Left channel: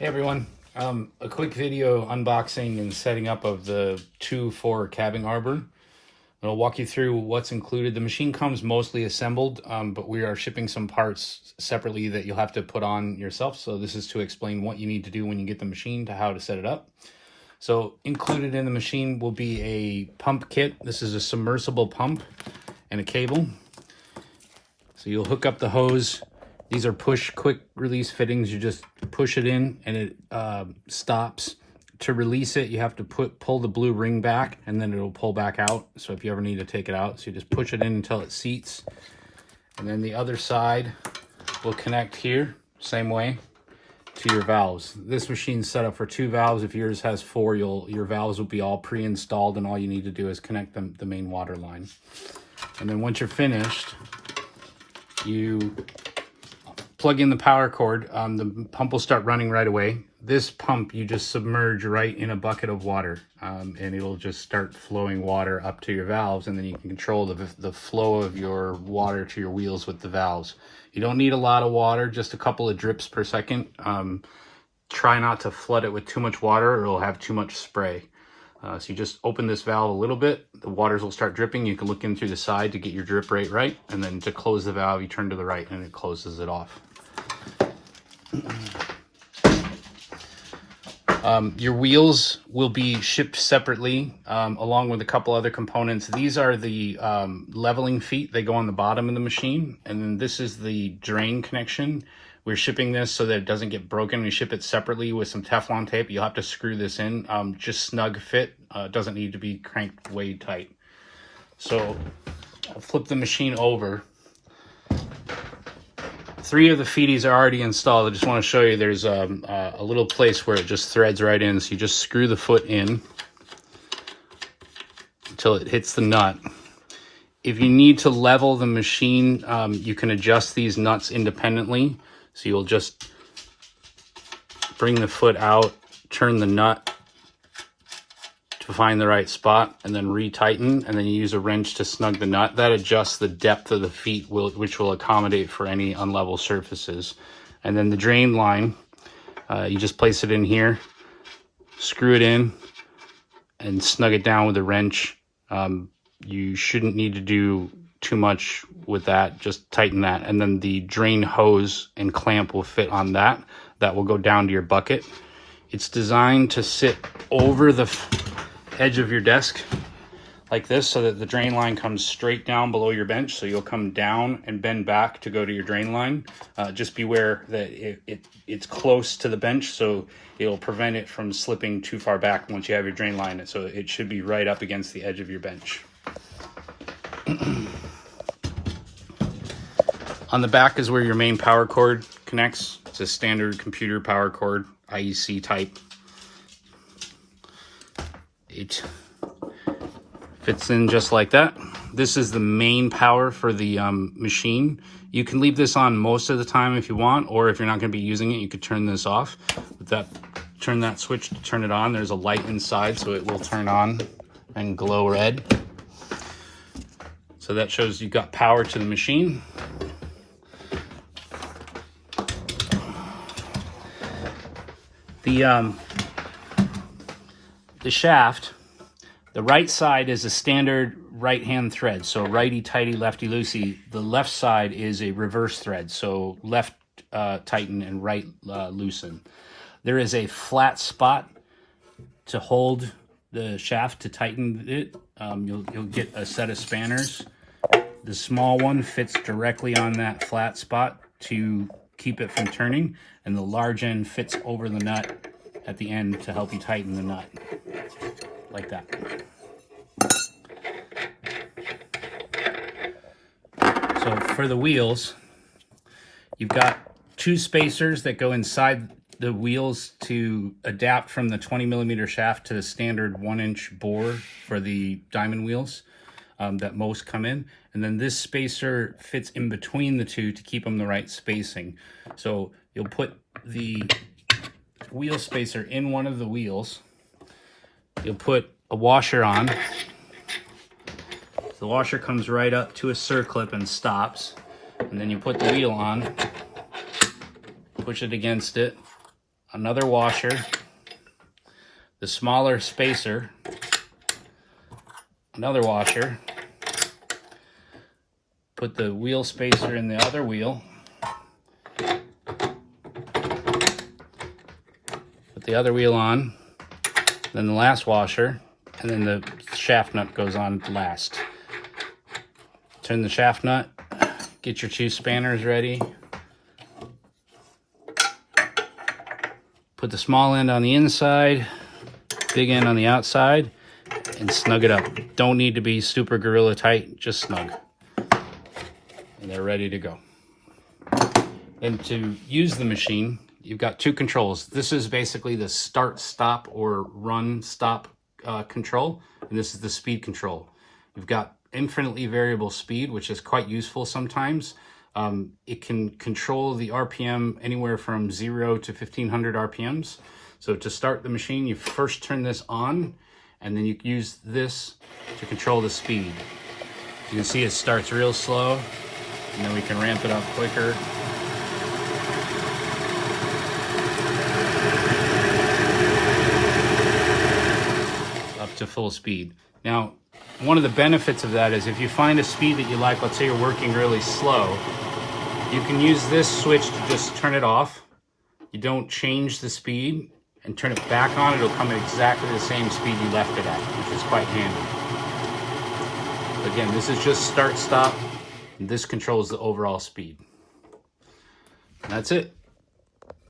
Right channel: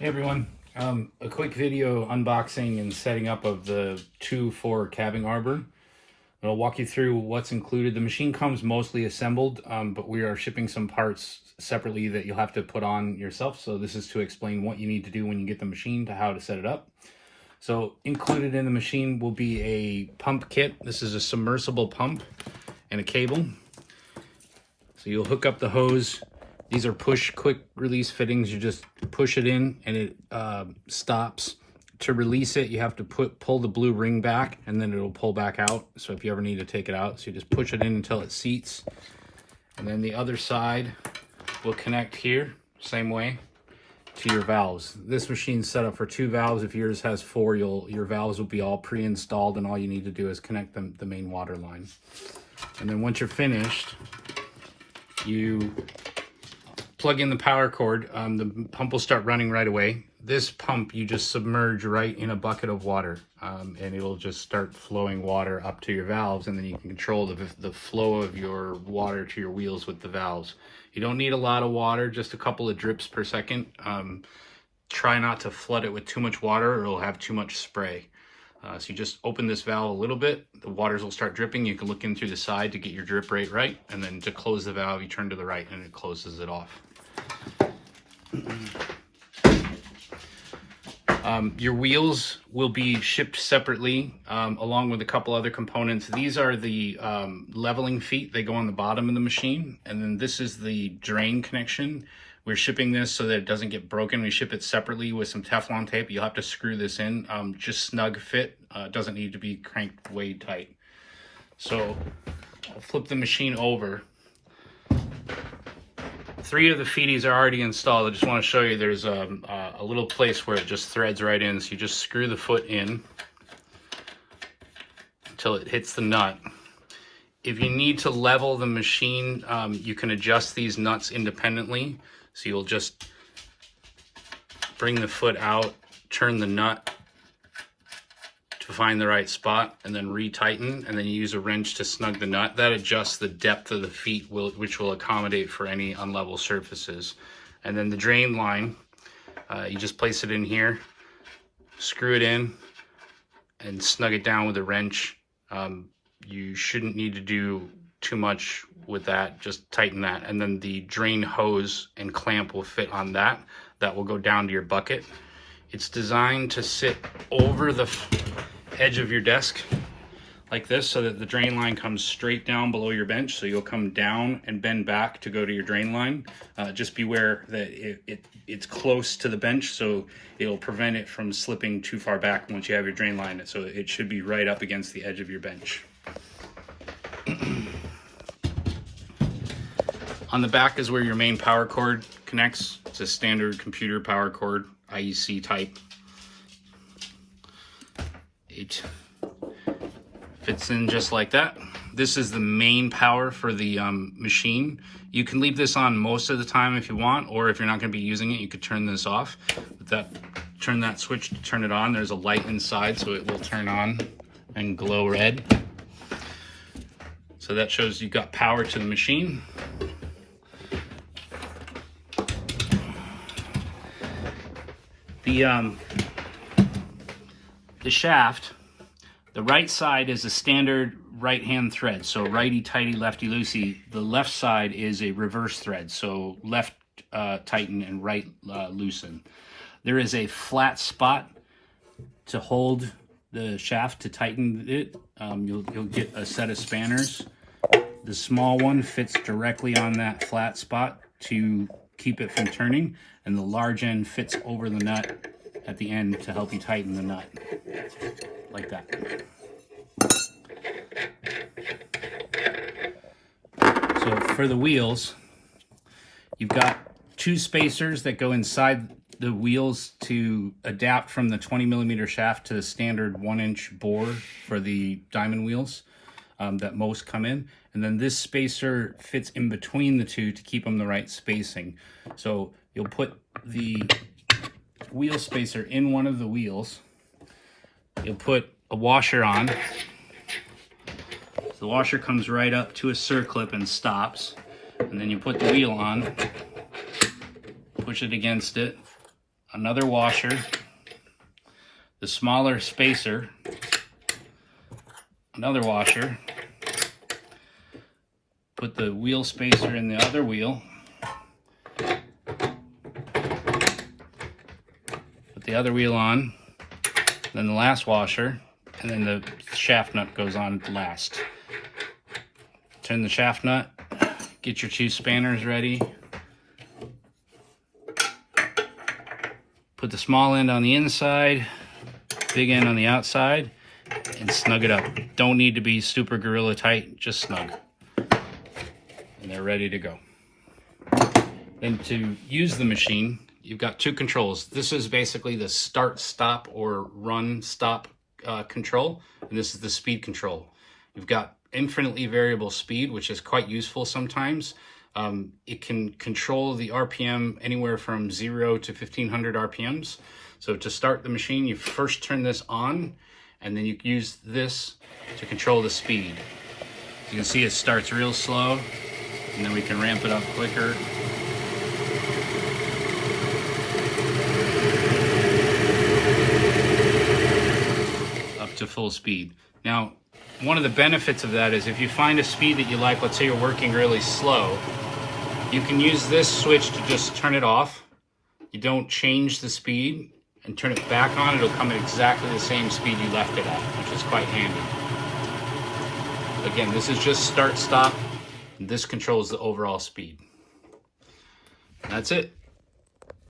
Hey everyone, a quick video unboxing and setting up of the 2-4 cabbing arbor. I'll walk you through what's included. The machine comes mostly assembled, but we are shipping some parts separately that you'll have to put on yourself. So this is to explain what you need to do when you get the machine to how to set it up. So included in the machine will be a pump kit. This is a submersible pump and a cable. So you'll hook up the hose. These are push quick release fittings. You just push it in and it stops. To release it, you have to pull the blue ring back and then it'll pull back out. So if you ever need to take it out, so you just push it in until it seats. And then the other side will connect here, same way, to your valves. This machine's set up for 2 valves. If yours has 4, your valves will be all pre-installed and all you need to do is connect the main water line. And then once you're finished, you plug in the power cord. The pump will start running right away. This pump you just submerge right in a bucket of water, and it'll just start flowing water up to your valves, and then you can control the flow of your water to your wheels with the valves. You don't need a lot of water, just a couple of drips per second. Try not to flood it with too much water or it'll have too much spray. So you just open this valve a little bit, the waters will start dripping. You can look in through the side to get your drip rate right, and then to close the valve you turn to the right and it closes it off. Your wheels will be shipped separately, along with a couple other components. These are the leveling feet. They go on the bottom of the machine. And then this is the drain connection. We're shipping this so that it doesn't get broken. We ship it separately with some Teflon tape. You'll have to screw this in. Just snug fit. It doesn't need to be cranked way tight. So I'll flip the machine over. 3 of the feeties are already installed. I just want to show you there's a little place where it just threads right in. So you just screw the foot in until it hits the nut. If you need to level the machine, you can adjust these nuts independently. So you'll just bring the foot out, turn the nut to find the right spot, and then retighten, and then you use a wrench to snug the nut. That adjusts the depth of the feet, which will accommodate for any unlevel surfaces. And then the drain line, you just place it in here, screw it in, and snug it down with a wrench. You shouldn't need to do too much with that, just tighten that. And then the drain hose and clamp will fit on that. That will go down to your bucket. It's designed to sit over the edge of your desk like this so that the drain line comes straight down below your bench. So you'll come down and bend back to go to your drain line. Just beware that it's close to the bench, so it'll prevent it from slipping too far back once you have your drain line. So it should be right up against the edge of your bench. On the back is where your main power cord connects. It's a standard computer power cord, IEC type. It fits in just like that. This is the main power for the machine. You can leave this on most of the time if you want, or if you're not going to be using it, you could turn this off. Turn that switch to turn it on. There's a light inside, so it will turn on and glow red. So that shows you've got power to the machine. The shaft, the right side is a standard right-hand thread, so righty-tighty, lefty-loosey. The left side is a reverse thread, so left tighten and right loosen. There is a flat spot to hold the shaft to tighten it. You'll get a set of spanners. The small one fits directly on that flat spot to keep it from turning, and the large end fits over the nut at the end to help you tighten the nut, like that. So for the wheels, you've got 2 spacers that go inside the wheels to adapt from the 20mm shaft to the standard 1-inch bore for the diamond wheels that most come in. And then this spacer fits in between the 2 to keep them the right spacing. So you'll put the wheel spacer in one of the wheels. You'll put a washer on. The washer comes right up to a circlip and stops. And then you put the wheel on, push it against it, another washer, the smaller spacer, another washer, put the wheel spacer in the other wheel, put the other wheel on, then the last washer, and then the shaft nut goes on last. Turn the shaft nut, get your 2 spanners ready. Put the small end on the inside, big end on the outside, and snug it up. Don't need to be super gorilla tight, just snug. And they're ready to go. Then to use the machine, you've got 2 controls. This is basically the start, stop, or run, stop control, and this is the speed control. You've got infinitely variable speed, which is quite useful sometimes. It can control the RPM anywhere from 0 to 1500 RPMs. So to start the machine, you first turn this on, and then you use this to control the speed. You can see it starts real slow, and then we can ramp it up quicker. Up to full speed. Now, one of the benefits of that is if you find a speed that you like, let's say you're working really slow, you can use this switch to just turn it off. You don't change the speed and turn it back on, it'll come at exactly the same speed you left it at, which is quite handy. Again, this is just start, stop, and this controls the overall speed. That's it.